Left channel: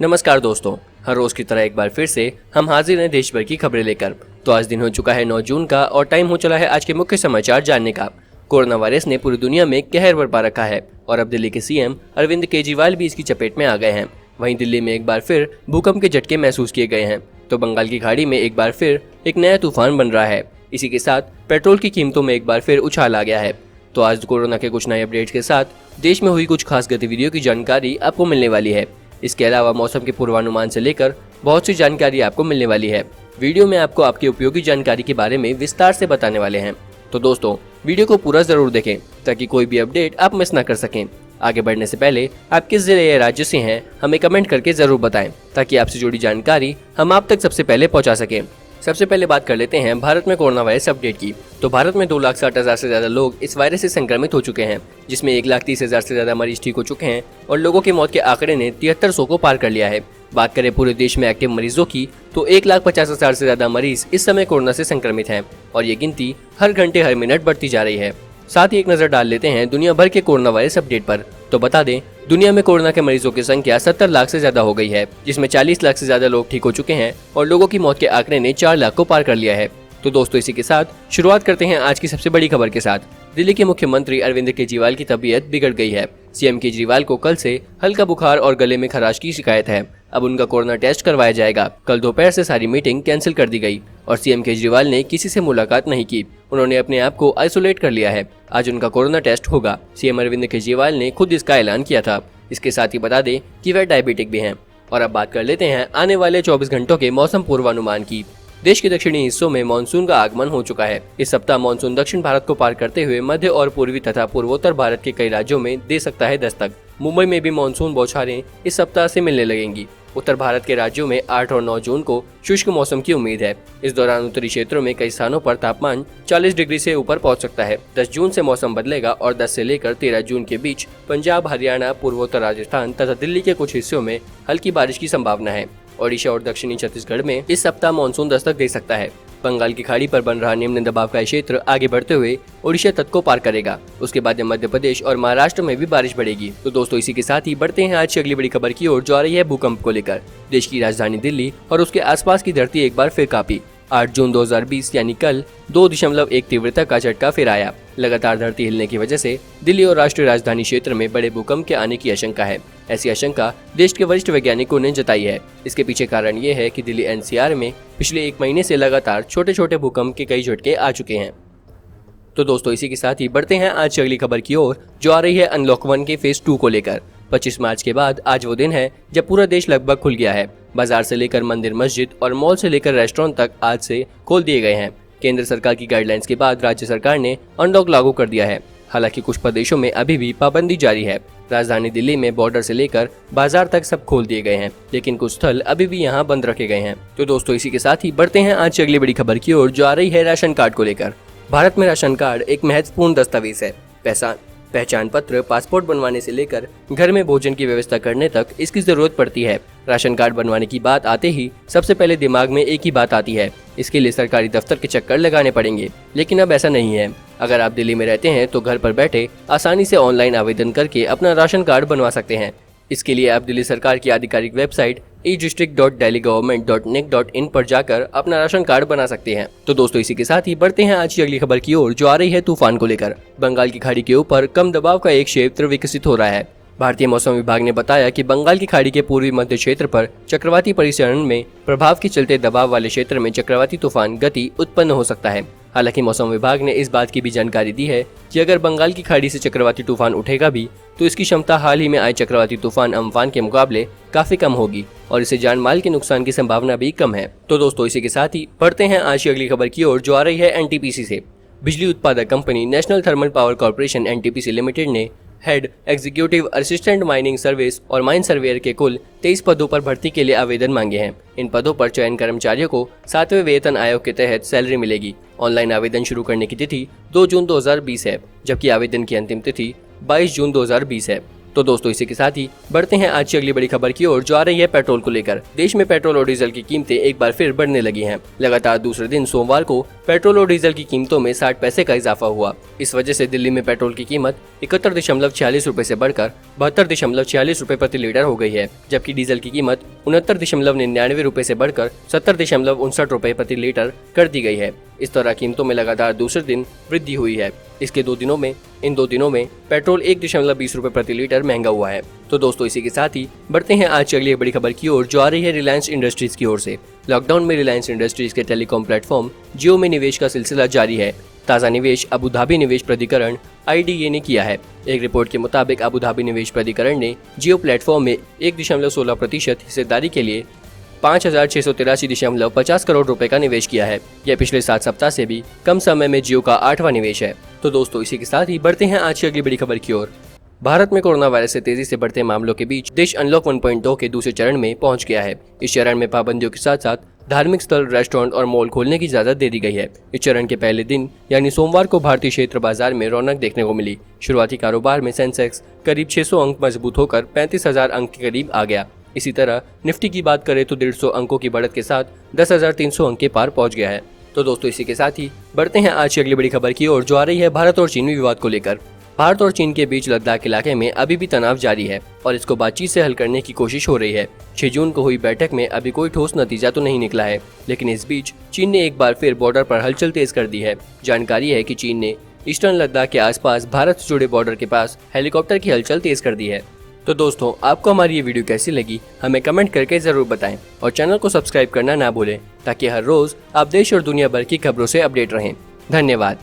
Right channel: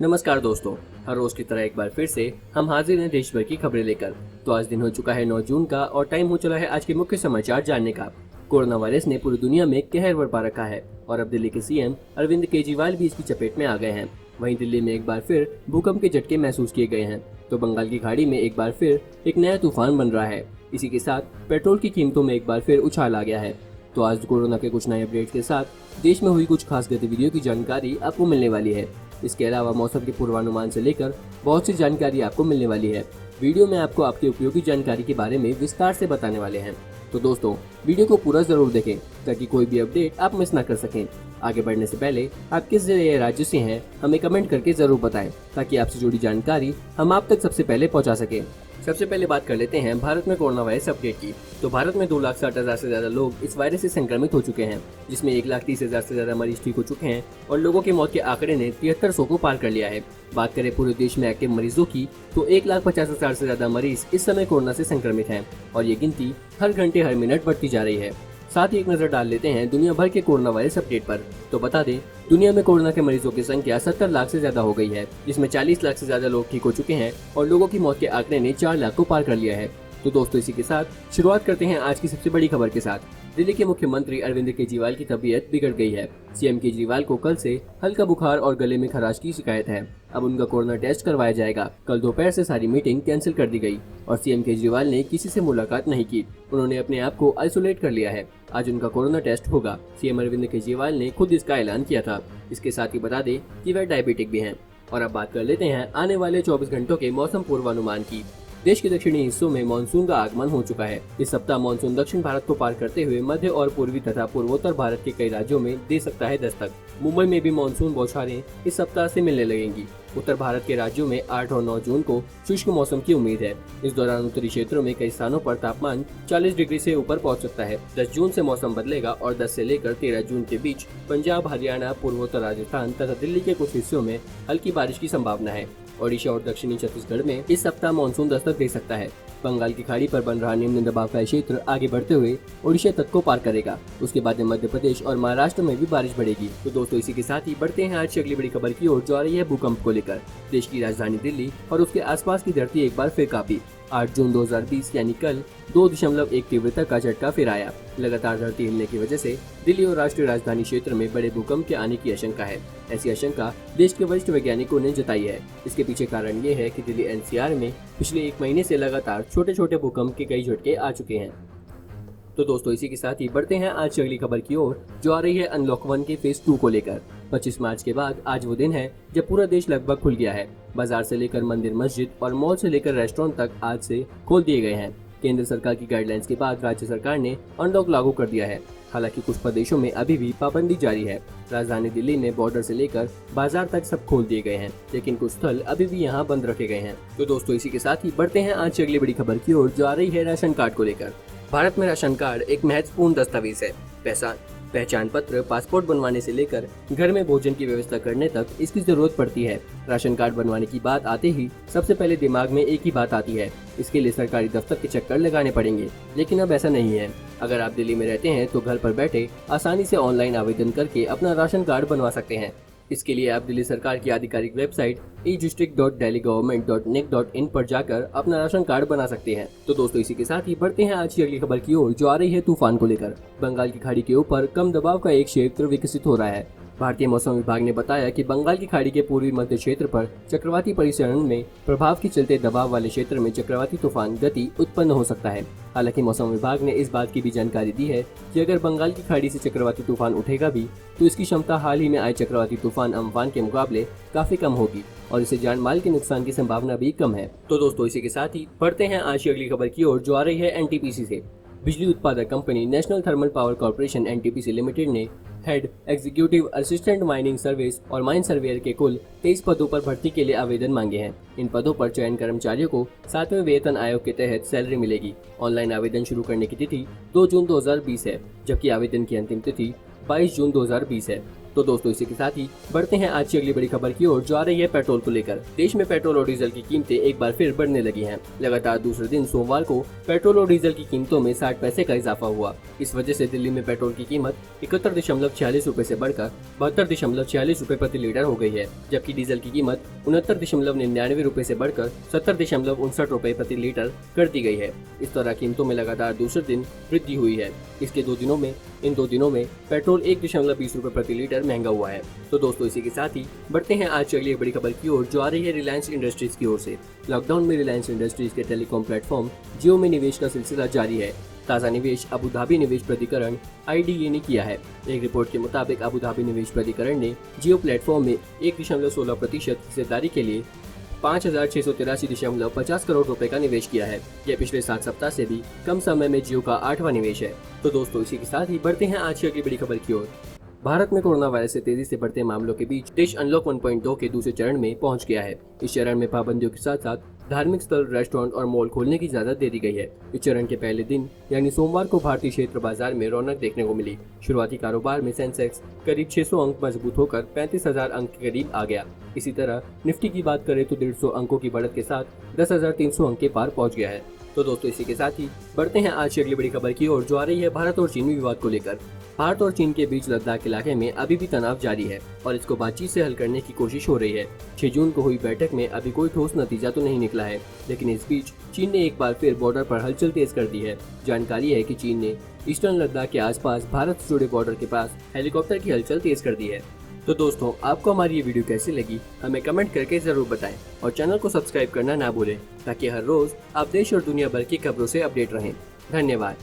नमस्कार दोस्तों, हर रोज की तरह एक बार फिर से हम हाजिर हैं देश भर की खबरें लेकर। तो आज दिन हो चुका है 9 जून का और टाइम हो चला है आज के मुख्य समाचार जानने का। कोरोना वायरस ने पूरी दुनिया में कहर बरपा रखा है और अब दिल्ली के सीएम अरविंद केजरीवाल भी इसकी चपेट में आ गए हैं। वहीं दिल्ली में एक बार फिर भूकंप के झटके महसूस किए गए हैं, तो बंगाल की खाड़ी में एक बार फिर एक नया तूफान बन रहा है। इसी के साथ पेट्रोल की कीमतों में एक बार फिर उछाल आ गया है। तो आज कोरोना के कुछ नए अपडेट्स के साथ देश में हुई कुछ खास गतिविधियों की जानकारी आपको मिलने वाली है। इसके अलावा मौसम के पूर्वानुमान से लेकर बहुत सी जानकारी आपको मिलने वाली है। वीडियो में आपको आपकी उपयोगी जानकारी के बारे में विस्तार से बताने वाले हैं। तो दोस्तों, वीडियो को पूरा जरूर देखें ताकि कोई भी अपडेट आप मिस ना कर सकें। आगे बढ़ने से पहले आप किस जिले या राज्य से हैं हमें कमेंट करके जरूर बताएं ताकि आपसे जुड़ी जानकारी हम आप तक सबसे पहले पहुंचा सकें। सबसे पहले बात कर लेते हैं भारत में कोरोना वायरस अपडेट की। तो भारत में 2,60,000 से ज्यादा लोग इस वायरस से संक्रमित हो चुके हैं, जिसमें 1,30,000 से ज्यादा मरीज ठीक हो चुके हैं और लोगों की मौत के आंकड़े ने 7300 को पार कर लिया है। बात करें पूरे देश में एक्टिव मरीजों की तो 1,50,000 से ज्यादा मरीज इस समय कोरोना से संक्रमित हैं और ये गिनती हर घंटे हर मिनट बढ़ती जा रही है। साथ ही एक नजर डाल लेते हैं दुनिया भर के कोरोना वायरस अपडेट पर। तो बता दें, दुनिया में कोरोना के मरीजों की संख्या 70 लाख से ज्यादा हो गई है, जिसमें 40 लाख से ज्यादा लोग ठीक हो चुके हैं और लोगों की मौत के आंकड़े ने 4 लाख को पार कर लिया है। तो दोस्तों, इसी के साथ शुरुआत करते हैं आज की सबसे बड़ी खबर के साथ। दिल्ली के मुख्यमंत्री अरविंद केजरीवाल की तबीयत बिगड़ गई है। सीएम केजरीवाल को कल से हल्का बुखार और गले में खराश की शिकायत है। अब उनका कोरोना टेस्ट करवाया जाएगा। कल दोपहर से सारी मीटिंग कैंसिल कर दी गई और सीएम केजरीवाल ने किसी से मुलाकात नहीं की। उन्होंने अपने आप को आइसोलेट कर लिया है। आज उनका कोरोना टेस्ट होगा। सीएम अरविंद केजरीवाल ने खुद इसका ऐलान किया था। इसके साथ ही बता दें कि वह डायबिटिक भी हैं। और अब बात कर लेते हैं आने वाले 24 घंटों के मौसम पूर्वानुमान की। देश के दक्षिणी हिस्सों में मानसून का आगमन हो चुका है। इस सप्ताह मानसून दक्षिण भारत को पार करते हुए मध्य और पूर्वी तथा पूर्वोत्तर भारत के कई राज्यों में दे सकता है दस्तक। मुंबई में भी मानसून बौछारें इस सप्ताह से मिलने लगेंगी। उत्तर भारत के राज्यों में 8 और 9 जून को शुष्क मौसम की उम्मीद है। इस दौरान उत्तरी क्षेत्रों में कई स्थानों पर तापमान 40 डिग्री से ऊपर पहुंच सकता है। 10 जून से मौसम बदलेगा और 10 से लेकर 13 जून के बीच पंजाब, हरियाणा, पूर्वोत्तर राजस्थान तथा दिल्ली के कुछ हिस्सों में हल्की बारिश की संभावना है। ओडिशा और दक्षिणी छत्तीसगढ़ में इस सप्ताह मानसून दस्तक दे सकता है। बंगाल की खाड़ी पर बन रहा निम्न दबाव का क्षेत्र आगे बढ़ते हुए ओडिशा तक को पार करेगा। उसके बाद मध्य प्रदेश और महाराष्ट्र में भी बारिश बढ़ेगी। तो दोस्तों, इसी के साथ ही बढ़ते हैं आज की अगली बड़ी खबर की ओर, जो आ रही है भूकंप को लेकर। देश की राजधानी दिल्ली और उसके आसपास की धरती एक बार फिर कांपी। 8 जून 2020 यानी कल 2.1 तीव्रता का झटका फिर आया। लगातार धरती हिलने की वजह से दिल्ली और राष्ट्रीय राजधानी क्षेत्र में बड़े भूकंप के आने की आशंका है। ऐसी आशंका देश के वरिष्ठ वैज्ञानिकों ने जताई है। इसके पीछे कारण ये है कि दिल्ली एनसीआर में पिछले 1 महीने से लगातार छोटे छोटे भूकंप के कई झटके आ चुके हैं। तो दोस्तों, इसी के साथ ही बढ़ते हैं आज की अगली खबर की ओर, जो आ रही है अनलॉक 1 के फेज 2 को लेकर। 25 मार्च के बाद आज वो दिन है जब पूरा देश लगभग खुल गया है। बाजार से लेकर मंदिर, मस्जिद और मॉल से लेकर रेस्टोरेंट तक आज से खोल दिए गए हैं। केंद्र सरकार की गाइडलाइंस के बाद राज्य सरकार ने अनलॉक लागू कर दिया है। हालांकि कुछ प्रदेशों में अभी भी पाबंदी जारी है। राजधानी दिल्ली में बॉर्डर से लेकर बाजार तक सब खोल दिए गए हैं, लेकिन कुछ स्थल अभी भी यहां बंद रखे गए हैं। तो दोस्तों, इसी के साथ ही बढ़ते हैं आज की अगली बड़ी खबर की ओर, जो आ रही है राशन कार्ड को लेकर। भारत में राशन कार्ड एक महत्वपूर्ण दस्तावेज है। पहचान पत्र, पासपोर्ट बनवाने से लेकर घर में भोजन की व्यवस्था करने तक इसकी जरूरत पड़ती है। राशन कार्ड बनवाने की बात आते ही सबसे पहले दिमाग में एक ही बात आती है, इसके लिए सरकारी दफ्तर के चक्कर लगाने पड़ेंगे। लेकिन अब ऐसा नहीं है। अगर आप दिल्ली में रहते हैं तो घर पर बैठे आसानी से ऑनलाइन आवेदन करके अपना राशन कार्ड बनवा सकते हैं। इसके लिए आप दिल्ली सरकार की आधिकारिक वेबसाइट e-district.delhigovernment.nic.in पर जाकर अपना राशन कार्ड बना सकते हैं। तो दोस्तों, इसी के साथ ही बढ़ते हैं आज की अगली खबर की ओर, जो आ रही है तूफान को लेकर। बंगाल की खाड़ी के ऊपर कम दबाव का एक क्षेत्र विकसित हो रहा है। भारतीय मौसम विभाग ने बताया कि बंगाल की खाड़ी के पूर्वी मध्य क्षेत्र पर चक्रवाती परिसरण में प्रभाव के चलते दबाव वाले क्षेत्र में चक्रवाती तूफान गति उत्पन्न हो सकता है। हालांकि मौसम विभाग ने इस बात की भी जानकारी दी है कि अगर बंगाल की खाड़ी से चक्रवाती तूफान उठेगा भी तो इसकी क्षमता हाल ही में आए चक्रवाती तूफान अम्फान के मुकाबले काफी कम होगी और इसे जान माल के नुकसान की संभावना भी कम है। तो दोस्तों, इसी के साथ ही बढ़ते हैं आज की अगली खबर की ओर, जो आ रही है एनटीपीसी से। बिजली उत्पादक company national thermal power corporation NTPC limited ने head executive assistant mining service और माइन सर्वेयर के कुल 23 पदों पर भर्ती के लिए आवेदन मांगे हैं। इन पदों पर चयन कर्मचारियों को 7वें वेतन आयोग के तहत सैलरी मिलेगी। ऑनलाइन आवेदन शुरू करने की तिथि 2 जून 2020 है, जबकि आवेदन की अंतिम तिथि 22 जून 2020 है। तो दोस्तों इसी के साथ ही बढ़ते हैं आज की अगली बड़ी खबर की ओर, जो आ रही है पेट्रोल को लेकर। देश में पेट्रोल और डीजल की कीमतें एक बार फिर बढ़ने लगी हैं। लगातार दूसरे दिन सोमवार को पेट्रोल और डीजल की कीमतों में 60 पैसे का इजाफा हुआ। इस वजह से दिल्ली में पेट्रोल की कीमत 71.46 रूपए से बढ़कर 72.46 रूपए प्रति लीटर हो गई है, जबकि डीजल की कीमत 69.99 रूपए से बढ़कर 70.59 रूपए प्रति लीटर कर दी गई है। इस तरह कीमतों में लगातार दूसरे दिन वृद्धि हुई है। इन दो दिनों में पेट्रोल 1.20 रूपए प्रति लीटर महंगा हुआ है। तो दोस्तों इसी के साथ ही बढ़ते हैं आज की अगली बड़ी खबर की ओर, जो आ रही है रिलायंस इंडस्ट्रीज की ओर से। लॉकडाउन में रिलायंस इंडस्ट्रीज के टेलीकॉम प्लेटफॉर्म जियो में निवेश का सिलसिला जारी है। ताज़ा निवेश अबू धाबी निवेश प्राधिकरण IDA ने किया है। एक रिपोर्ट के मुताबिक अबू धाबी निवेश प्राधिकरण ने जियो प्लेटफॉर्म में 1.16% हिस्सेदारी के लिए 5,683.50 करोड़ रुपए का निवेश किया है। यह पिछले 7 सप्ताह से भी कम समय में जियो का 8वां निवेश है। तो दोस्तों इसी के साथ ही बढ़ते हैं आज की अगली बड़ी खबर की ओर। भारत में कोरोना वायरस से तेजी से बढ़ते मामलों के बीच देश अनलॉक 1.2 के दूसरे चरण में पहुंच गया है। इस चरण में पाबंदियों के साथ साथ धार्मिक स्थल, रेस्टोरेंट और मॉल खोलने की इजाजत दे दी गई है। इस चरण के पहले दिन यानी सोमवार को भारतीय क्षेत्र बाजार में रौनक देखने को मिली। शुरुआती कारोबार में सेंसेक्स करीब 600 अंक मजबूत होकर 35,000 अंक के करीब आ गया। इसी तरह निफ्टी की बात करें तो 150 अंकों की बढ़त के साथ 10,300 अंक के पार पहुंच गया है। तो दोस्तों इसी के साथ ही बढ़ते हैं आज की अगली बड़ी खबर की ओर, जो आ रही है भारत और चीन विवाद को लेकर। भारत और चीन के बीच लद्दाख इलाके में अभी भी तनाव जारी है और इसको बातचीत से हल करने की कोशिश हो रही है। 6 जून को हुई बैठक में अभी कोई ठोस नतीजा तो नहीं निकला है, लेकिन इस बीच चीन ने एक बार फिर बॉर्डर पर हलचल तेज कर दी है। जानकारी है कि चीन ने ईस्टर्न लद्दाख के आसपास भारत से जुड़े बॉर्डर के पास हेलीकॉप्टर की हलचल तेज कर दी है। तो दोस्तों आपको हमारी ये वीडियो कैसी लगी हमें कमेंट करके जरूर बताएं और चैनल को सब्सक्राइब करना ना भूलें, ताकि हर रोज आप देश और दुनिया भर की खबरों से अपडेट रहें। धन्यवाद।